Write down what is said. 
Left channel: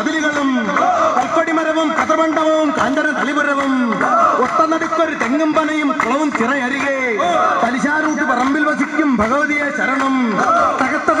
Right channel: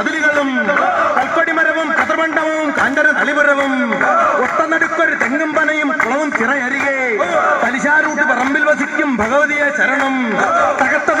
മതിലുകളും കൽപ്പടിമരവും കതർമണ്ഡവും കാന്തര തളിപുരവും ഒട്ടനടുക്കൊരു തെങ്ങും പനയും കുളവും ചിറയരികെ തലിശാരൂട്ട് പറമ്പിൽ വസിക്കും ഭഗവതിയെ ശരണം തകത്ത